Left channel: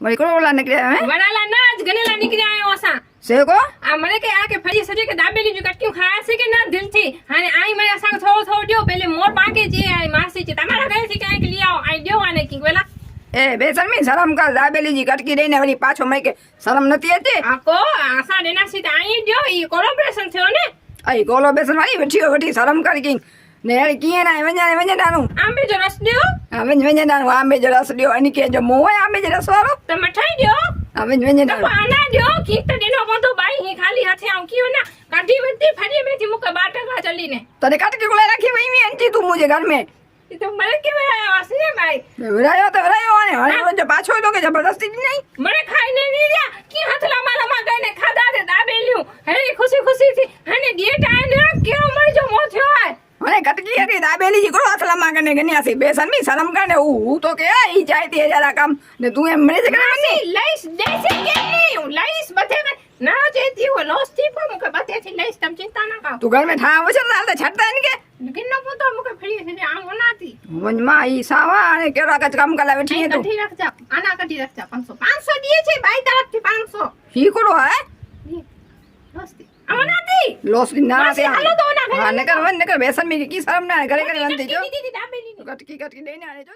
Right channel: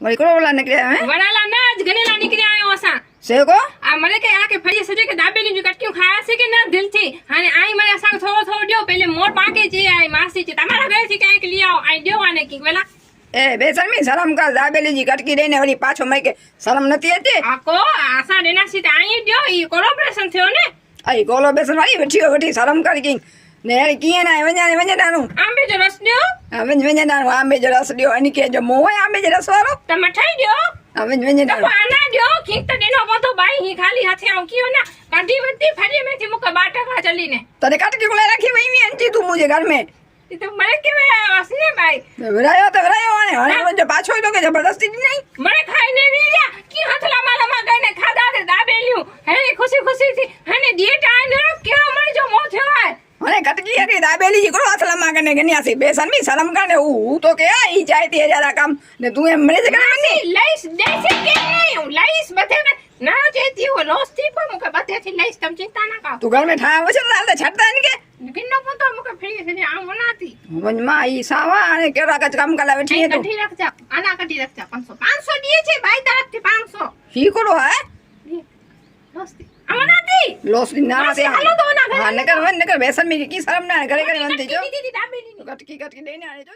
worry को वाला निकले हैं वड़ाला ना आज गनेला निकले आयो असा से को आ मने के आके फड़ी सजे के दाबेली जो कटक्यू खाया से के ना दिल थी हाने आई मने संग थोड़ो थोड़ो दियो पहले मोर पाके जे आई मासी चे तमारा घरे से काई के लिया आई दियो आने की वेला ए बेसन में शर्म कर दाबेली जी कटकी देने वरी पाछो मई के शर्म नती आती आको आसा देना सी आई दियो ई कोलैबोरेशन थयो ने आई कोलो बेसन वाली वठी शर्म कर की ने किए ना वने दानु आंबे जो रस दियो वने दानु आंबे जो रस दियो अनि के जो मोह आंबे जो रस वालो त मठाई दियो वने तो दानु आना दियो की त दिनो को तो बाई ही खाली हाथे आऊ कियो ना काटी बत्ती फड़ी में थी मुके बाटा खा चली ने तने कटकी को रखी वही में अंती तू मुझे घर में तो मरे के वे असने भाई वरायो ने जो पाछो तो के जबरदस्ती नहीं मरे खाई ने नी दिया की हथला माला मा गने खादा रे दाबेलियो हे खुशी खुशी थी हने डेट आए ने के मरे जो मो थयो है अरे कटकी अरे दाबेली जी को हाथ लमा के गनी आसी बेसन में शर्म का ने तो के आई जाए ते जरा काम ने तू मरे से करनी लाइस जैसे के नहीं लाइस बते में ना जेती हो लोस्ती पर मुके बते थी लाइस तम चिंता ना का तू घर में ठा वो चल रहा छटता नहीं के गिन्नो पतो मुके फ्री से आ बनाती मन मा ई सावा ने केरा का काम कला बैठी है तो कटी रख जा आना कटी रख जा 500 दिए छे भाई तरफ थी 500 ही करो है लोस्ती आवनाती लॉस ना से हेलो तो ना हां नकर बेसन में की शर्म ना करे बनती जो दीदी दाबेली कटकी देने आने जो